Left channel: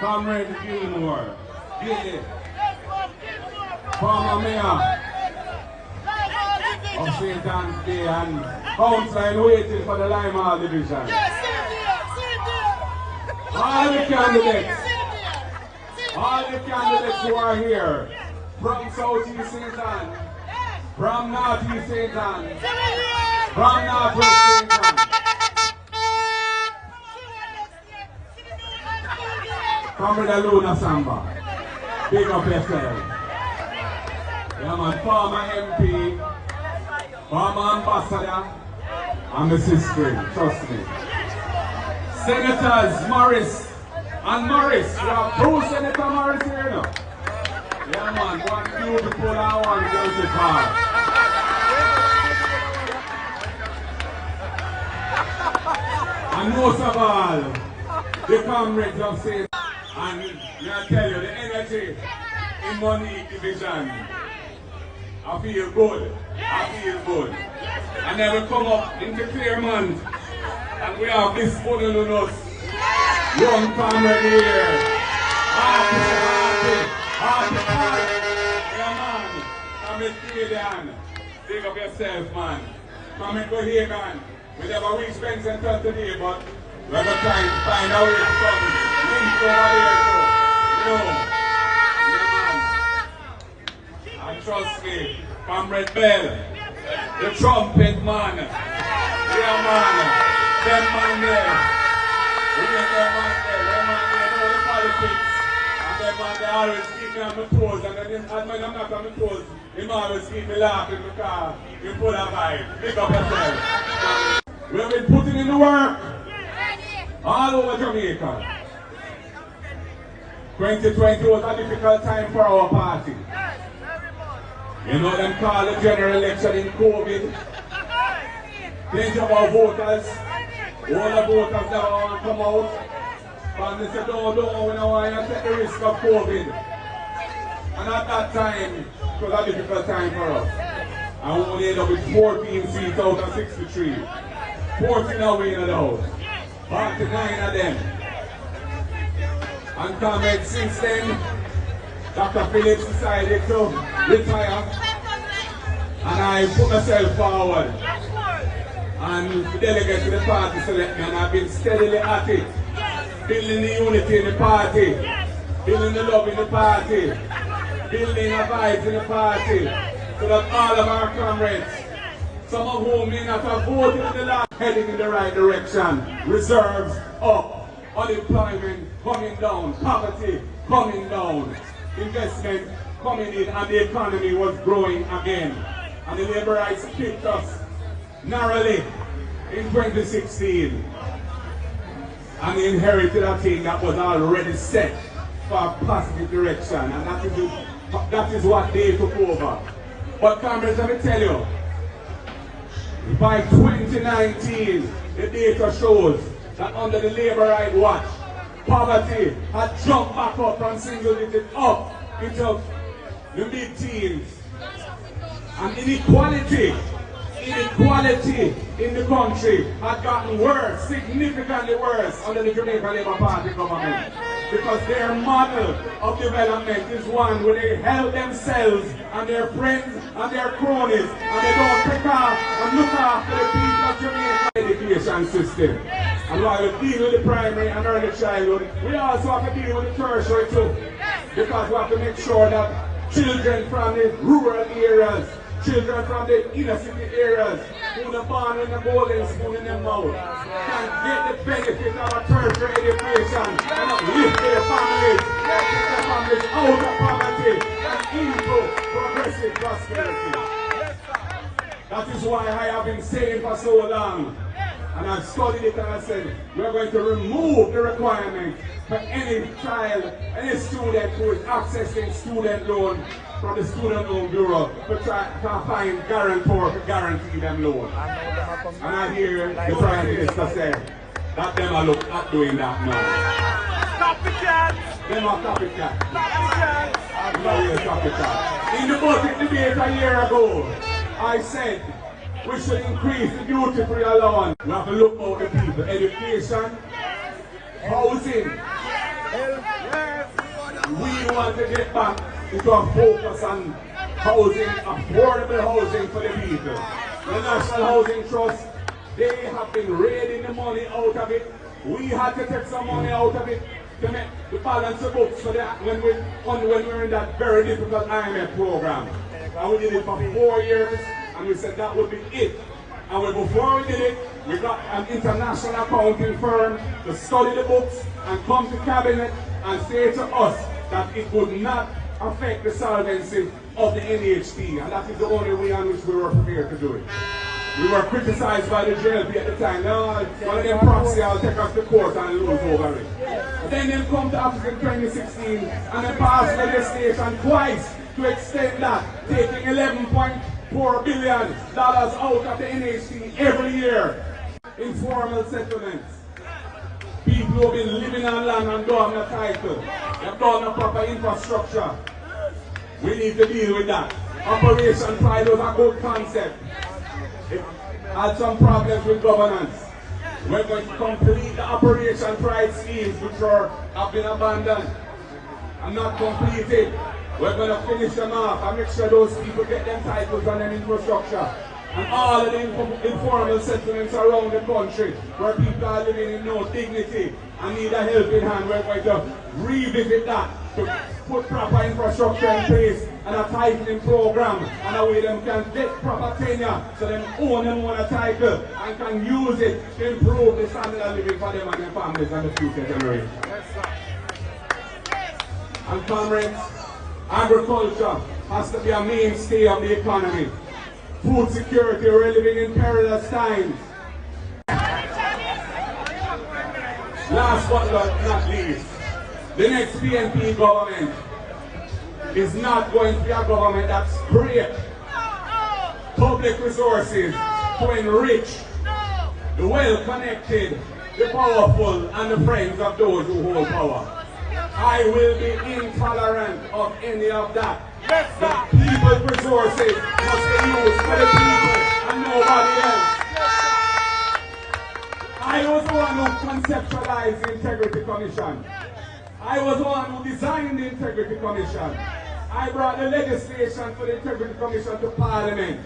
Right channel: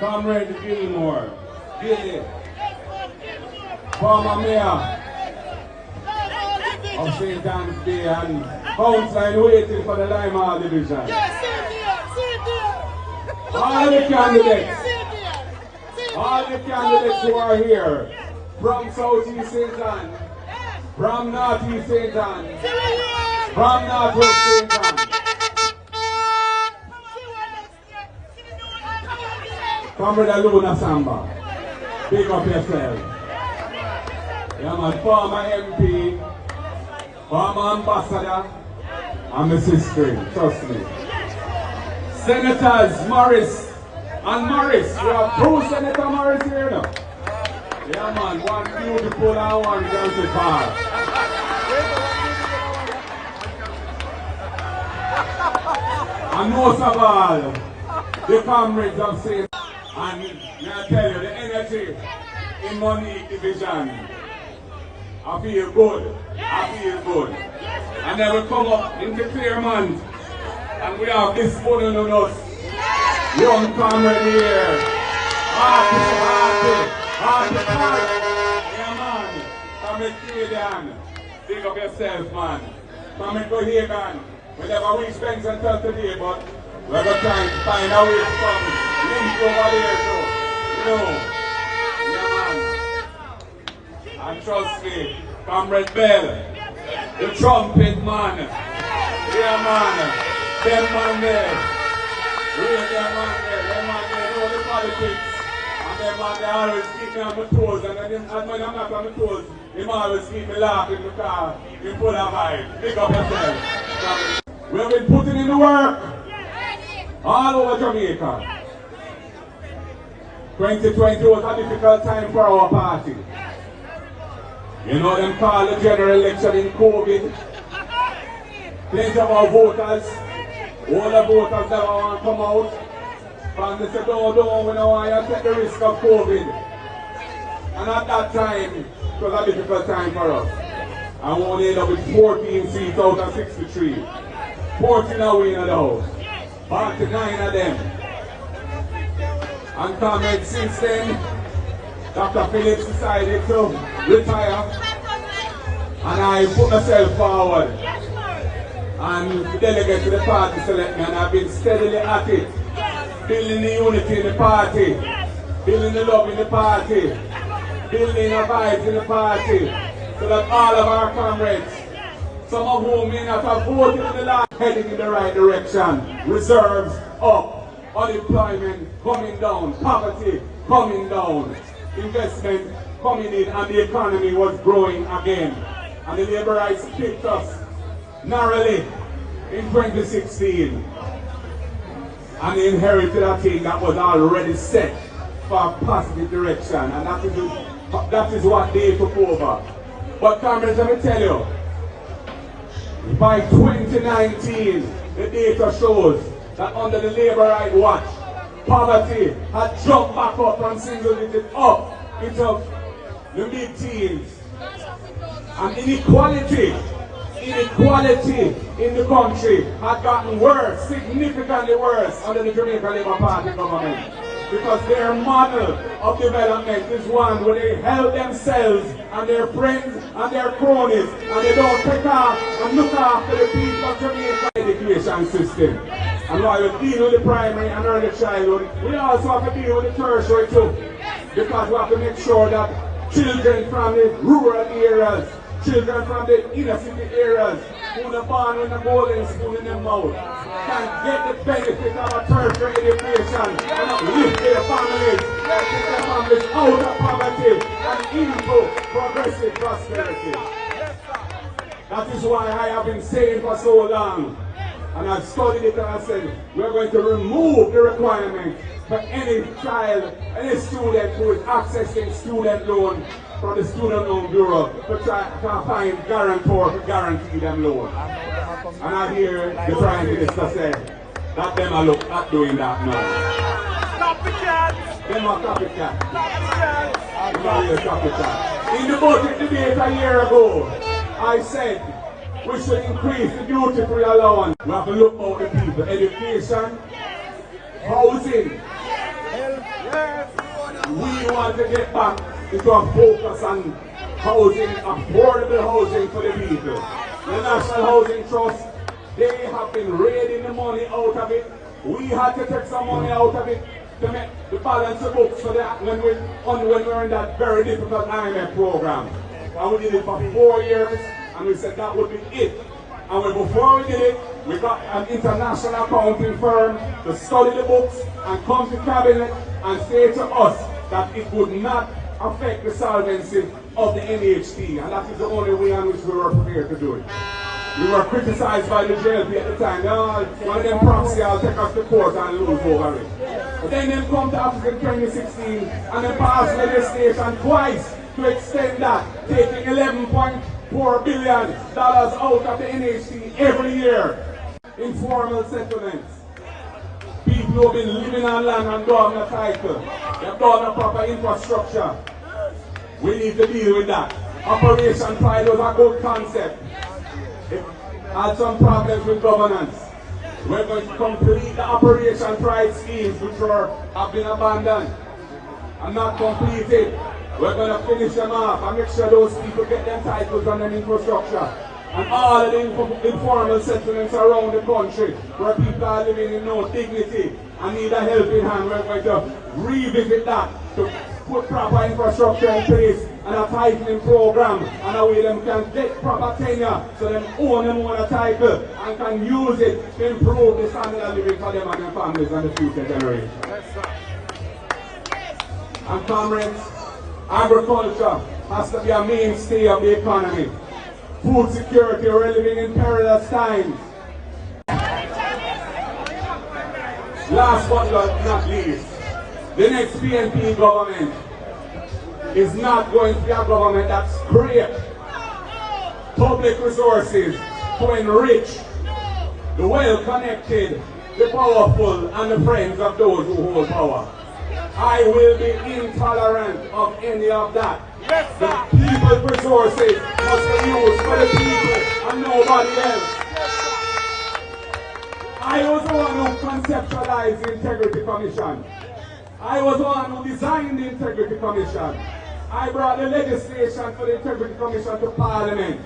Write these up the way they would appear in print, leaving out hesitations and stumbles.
Comrade Gilmore, Gilly, former mayor of St. Anne's Day and councillor waiting for the Limehall division. All the candidates who are here from Southeast St. Anne, from Northeast St. Anne, from Northwest St. Anne. Comrade Luna Samba, big up yourself. Yeah, my former MP, former ambassador, and the sister, trust me. Senators Morris and Morris, we have two Senator Morris here now. Yeah man, one beautiful and one beautiful. And most of all, the comrades of St. And I tell you, the energy in Monique division, I feel good. I feel good. And then we come up into Claremont, and we have this one on us. Young comrade here. Happy. Yeah, man. Come and Canadian. Big up yourself, man. Come and go here, man. We never reach Benson today, but we're going to try and find a way to come. Link over there, so. You know. Yeah, man. And trust me, Comrade Bell, the trumpet man. Yeah, man. Them man there. We ain't them man there. Them man there know the politics. And them man they always keep me on my toes. And when I'm not on my toes, them always keep me laughing because you pull a vibe. Pick up yourself. We've been putting in the work all over Jamaica. 2020 was a difficult time for our party. You know them call the general election in COVID. Plenty of our voters, all the voters never want to come out. And they said, no, we don't want to take the risk of COVID. And at that time, it was a difficult time for us. And we only ended up with 14 seats out of 63. 14 are we in the house. 49 of them. And comrades, since then, Dr. Phillips decided to retire. And I put myself forward. And the delegate to the party select me, and I've been steadily at it. Building the unity in the party. Building the love in the party. Building the vibes in the party. So that all of our comrades, some of whom may not have voted in the last, heading in the right direction. Reserves up. Unemployment coming down. Poverty coming down. Investment coming in, and the economy was growing again. And the Labourites picked us narrowly in 2016. And they inherited a thing that was already set for a positive direction. And that is what they took over. But comrades, let me tell you, by 2019, the data shows that under the Labourite watch, poverty had jumped back up from single digit up into the mid-teens. And inequality in the country had gotten worse, significantly worse under the Jamaica Labour Party government. Because their model of development is one where they help themselves and their friends and their cronies, and they don't take off and look after the people of Jamaica education system. And while we deal with the primary and early childhood, we also have to deal with the tertiary too. Because we have to make sure that children from the rural areas, children from the inner city areas, who are born with a golden spoon in their mouth, can get the benefit of a tertiary education and uplift their families, and take their families out of poverty and into progressive prosperity. That is why I have been saying for so long, and I've studied it, and I said, we're going to remove the requirement for any child, any student who is accessing student loan from the Student Loan Bureau to try to find guarantor to guarantee them loan. And I hear the Prime Minister say that them are look at doing that now. Copycat! Them are copycat. Them are real copycat. In the budget debate a year ago, I said we should increase the duty-free allowance. We have to look out the people. Education, housing, we want to get back into a focus on housing, affordable housing for the people. The National Housing Trust, they have been raiding the money out of it. We had to take some money out of it to make the balance the books for that when we were in that very difficult IMF program. And we did it for 4 years, and we said that would be it. And before we did it, we got an international accounting firm to study the books and come to cabinet and say to us that it would not affect the solvency of the NHT, and that is the only way in which we were prepared to do it. We were criticized by the JLP at the time. No, one of them proxy, I'll take us to court and lose over it. But then they come to office in 2016 and they passed legislation twice to extend that, taking $11.4 billion out of the NHT every year. Informal settlements. People who have been living on land and don't have a title. They've done a proper infrastructure. We need to deal with that. Operation Pride was a good concept. It had some problems with governance. We're going to complete the Operation Pride schemes which have been abandoned and not completed. We're going to finish them off and make sure those people get them titles and them infrastructure. And all of the informal settlements around the country where people are living in no dignity and need a helping hand, we're going to revisit that to put proper infrastructure in place and a titling program and a way them can get proper tenure so them own them on a title and can use it to improve the standard of living for them and their families and the future generation. And comrades, agriculture has to be a mainstay of the economy. Food security, we're living in perilous times. Last but not least, the next PNP government is not going to be a government that scrapes public resources to enrich the well-connected, the powerful, and the friends of those who hold power. I will be intolerant of any of that. The people's resources must be used for the people and nobody else. I was the one who conceptualized the Integrity Commission. I was the one who designed the Integrity Commission. I brought the legislation for the Integrity Commission to Parliament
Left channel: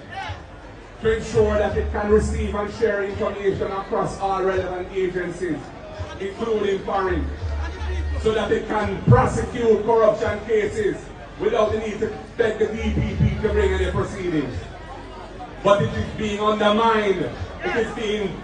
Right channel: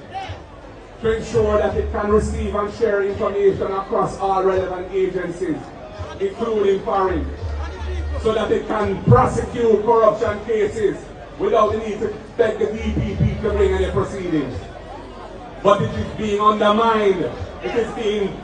to ensure that it can receive and share information across all relevant agencies, including foreign, so that it can prosecute corruption cases without the need to beg the DPP to bring any proceedings. But it is being undermined. It is being